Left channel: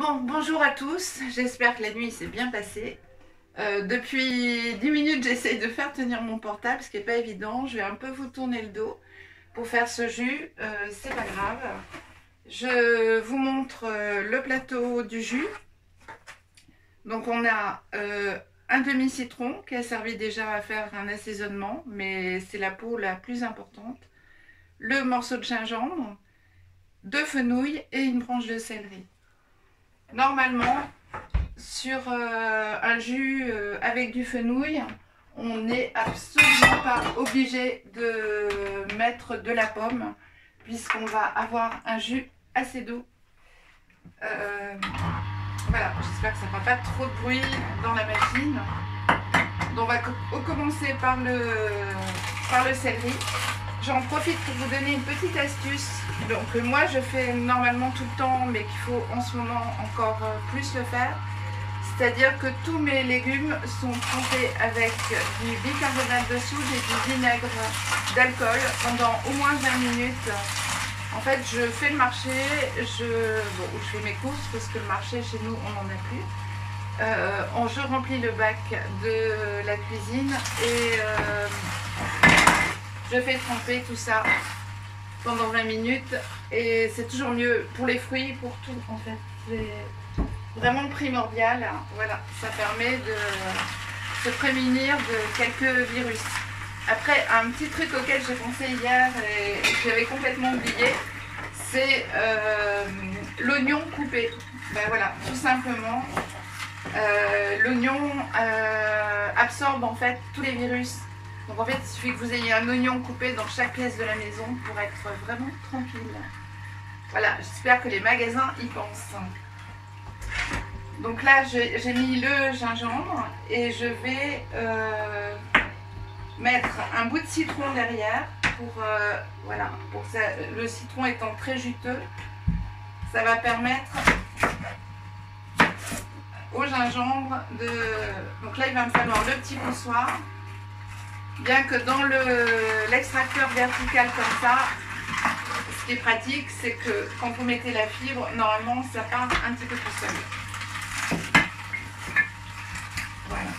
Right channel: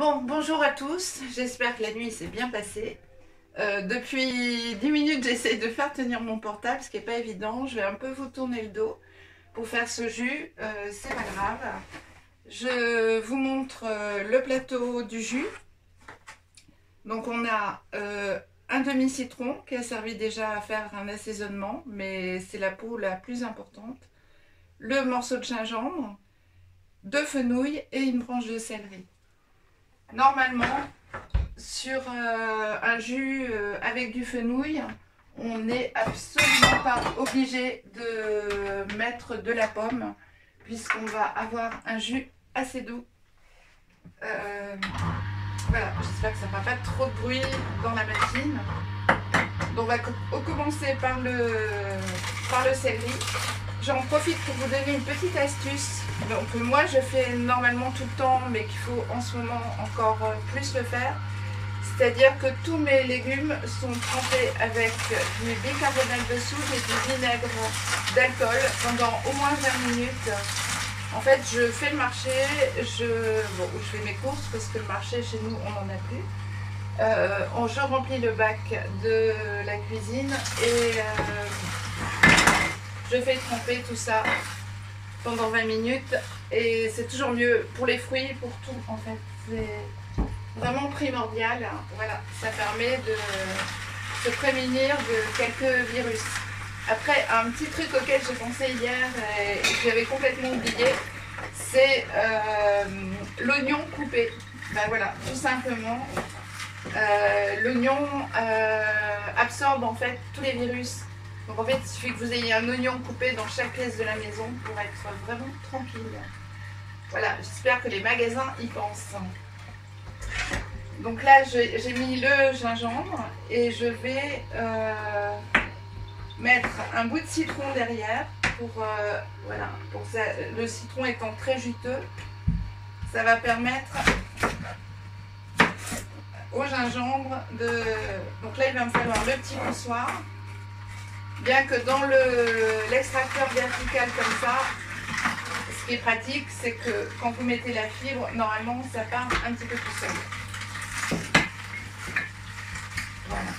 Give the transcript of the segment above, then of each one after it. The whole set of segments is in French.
Bon, bonjour à tous, j'espère que la nuit s'est bien passée. Depuis 10 minutes, j'essaye de faire tenir mon portable, ce qui n'est pas évident. Je vais un peu vous tourner le dos pour faire ce jus, c'est pas grave. Je vous montre le plateau du jus. Donc on a un demi-citron qui a servi déjà à faire un assaisonnement, mais c'est la peau la plus importante. Le morceau de gingembre, 2 fenouils et une branche de céleri. Normalement, sur un jus avec du fenouil, on n'est absolument pas obligé de mettre de la pomme, puisqu'on va avoir un jus assez doux. Voilà, j'espère que ça ne fera pas trop de bruit dans la machine. Donc on va commencer par le céleri. J'en profite pour vous donner une petite astuce. Donc moi je fais normalement tout le temps, mais qu'il faut en ce moment encore plus le faire. C'est-à-dire que tous mes légumes sont trempés avec du bicarbonate de soude et du vinaigre d'alcool pendant au moins 20 minutes. En fait, je fais le marché, je fais mes courses parce que le marché chez nous, on n'en a plus. Je remplis le bac de la cuisine et je fais tremper tout ça pendant 20 minutes. Et c'est toujours mieux pour les fruits, pour tout en fait. C'est vraiment primordial. Voilà, ça permet de se prémunir de quelques virus. Après, un petit truc auquel j'ai pensé hier et que j'avais complètement oublié, c'est l'oignon coupé. Ben voilà, tout simplement, l'oignon absorbe en fait tous les virus. Donc en fait, il suffit que vous ayez un oignon coupé dans chaque pièce de la maison pour être vraiment tranquille. Voilà, j'espère que les magasins y pensent. Donc là, j'ai mis le gingembre et je vais mettre un bout de citron derrière pour, voilà, pour ça, le citron étant très juteux, ça va permettre au gingembre de... Donc là, il va me falloir le petit poussoir. Bien que dans l'extracteur vertical comme ça, ce qui est pratique, c'est que quand vous mettez la fibre, normalement, ça part un petit peu tout seul. Voilà.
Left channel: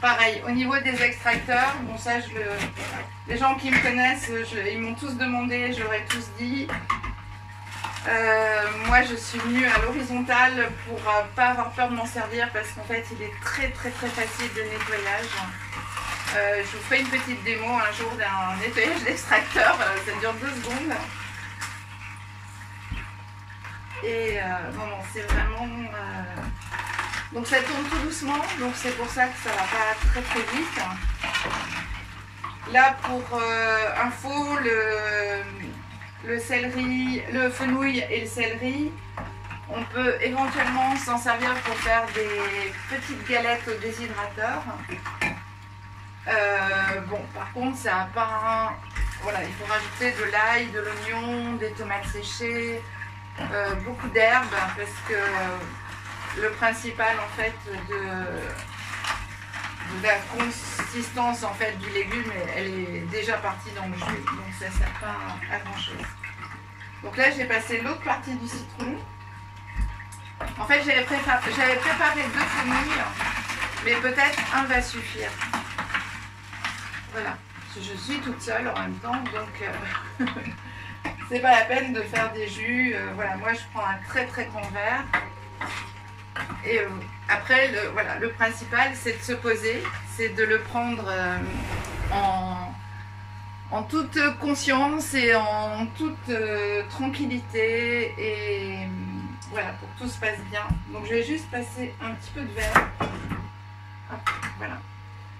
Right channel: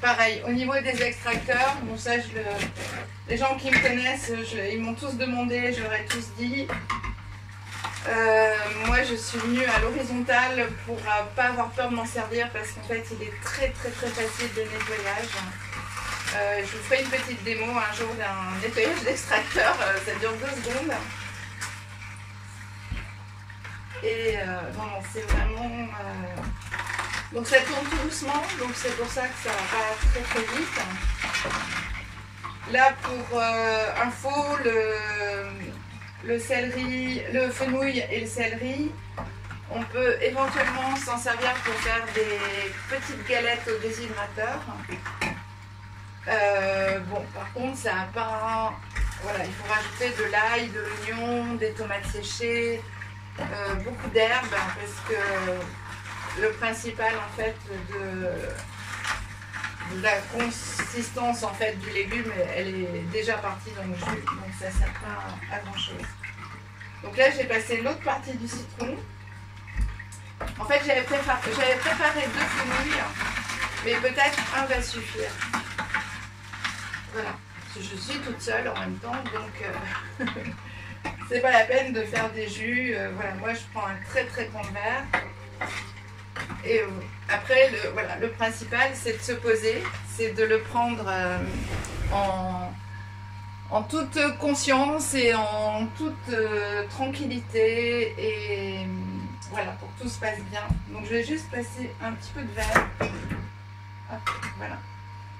Pareil, au niveau des extracteurs, bon ça, les gens qui me connaissent, ils m'ont tous demandé, je leur ai tous dit. Moi je suis venue à l'horizontale pour pas avoir peur de m'en servir parce qu'en fait il est très facile de nettoyage. Je vous ferai une petite démo un jour d'un nettoyage d'extracteur, ça dure 2 secondes. Et non, c'est vraiment... Donc ça tourne tout doucement, donc c'est pour ça que ça va pas très vite. Là pour info, le céleri, le fenouil et le céleri, on peut éventuellement s'en servir pour faire des petites galettes au déshydrateur. Bon, par contre, ça n'a pas... Voilà, il faut rajouter de l'ail, de l'oignon, des tomates séchées, beaucoup d'herbes, parce que le principal en fait de la consistance en fait du légume, elle est déjà partie dans le jus, donc ça ne sert pas à grand chose. Donc là j'ai passé l'autre partie du citron. En fait j'avais préparé 2 fenouils, mais peut-être un va suffire. Voilà, je suis toute seule en même temps, donc c'est pas la peine de faire des jus. Voilà, moi je prends un très grand verre. Et après, le principal, c'est de se poser, c'est de le prendre en toute conscience et en toute tranquillité. Et voilà, pour que tout se passe bien. Donc, je vais juste passer un petit peu de verre. Hop, voilà.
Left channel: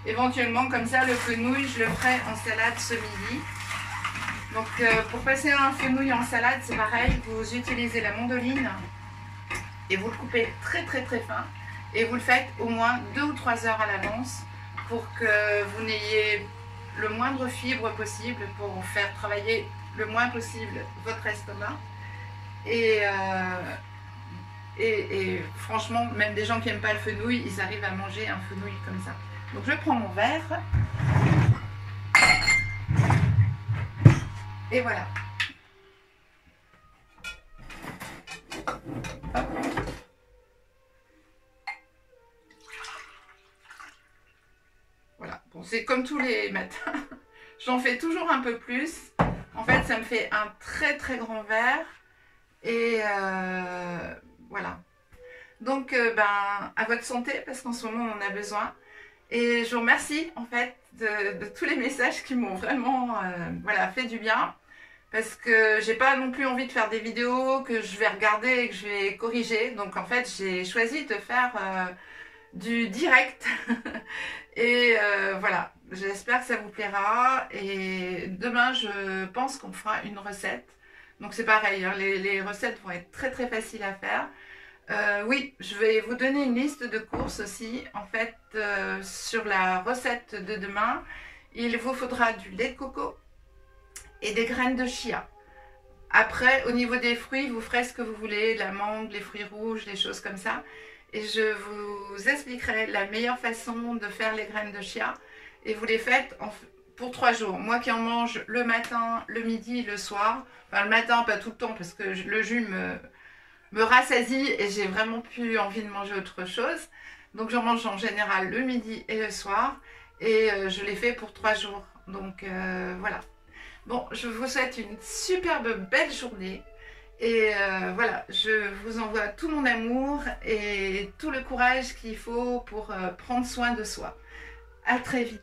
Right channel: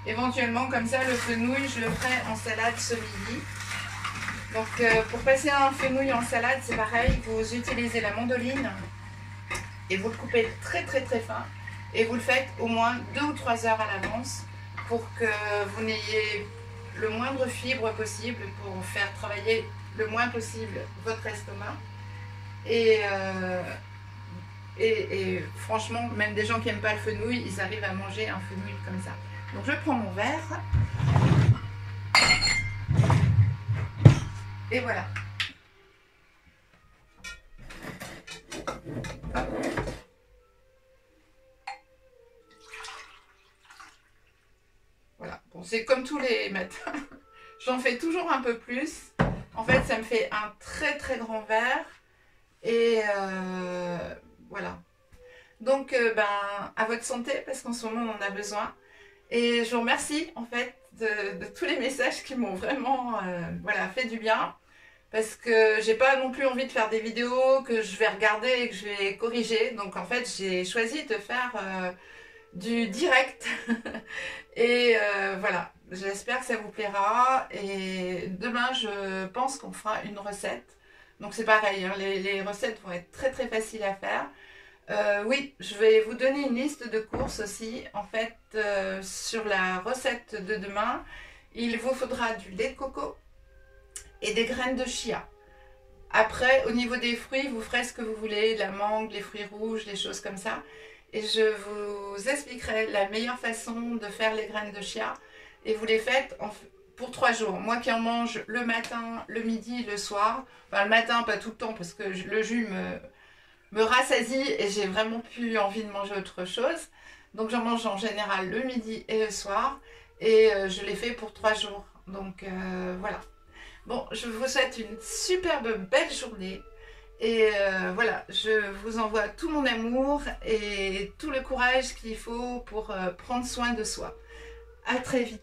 Éventuellement, comme ça, le fenouil, je le ferai en salade ce midi. Donc, pour passer un fenouil en salade, c'est pareil, vous utilisez la mandoline. Et vous le coupez très fin et vous le faites au moins 2 ou 3 heures à l'avance pour que vous n'ayez le moindre fibre possible, pour faire travailler le moins possible votre estomac. Et franchement, même des gens qui n'aiment pas le fenouil, ils arrivent à manger un fenouil comme ça. Donc je prends mon verre et voilà. Voilà, bon, c'est comme tous les matins. J'en fais toujours un peu plus. En fait, ça me fait un très très grand verre. Et voilà. Donc, à votre santé, parce qu'en ce moment, on en a besoin. Et je vous remercie, en fait, de tous les messages qui m'ont vraiment voilà, fait du bien. Parce que j'ai pas non plus envie de faire des vidéos que je vais regarder et que je vais corriger. Donc, en fait, j'ai choisi de faire du direct. Et voilà, j'espère que ça vous plaira. Et demain, je pense qu'on fera une recette. Donc, c'est pareil, hein, les recettes vont être très très faciles à faire. Oui, je vais vous donner une liste de courses aussi. En fait, sur la recette de demain, il vous faudra du lait de coco et des graines de chia. Après, au niveau des fruits, vous ferez ce que vous voulez, la mangue, les fruits rouges, les choses comme ça. Et je vous expliquerai la meilleure façon de faire les graines de chia. Et vous les faites pour 3 jours. Moi qui en mange le matin, le midi, le soir. Enfin, le matin, pas tout le temps, parce que le jus me rassasie et j'ai vraiment plus envie de manger autre chose. Donc j'en mange en général le midi et le soir. Et je les fais pour 3 jours. Donc voilà. Bon, je vous souhaite une superbe belle journée. Et voilà, je vous envoie tout mon amour et tout le courage qu'il faut pour prendre soin de soi. À très vite.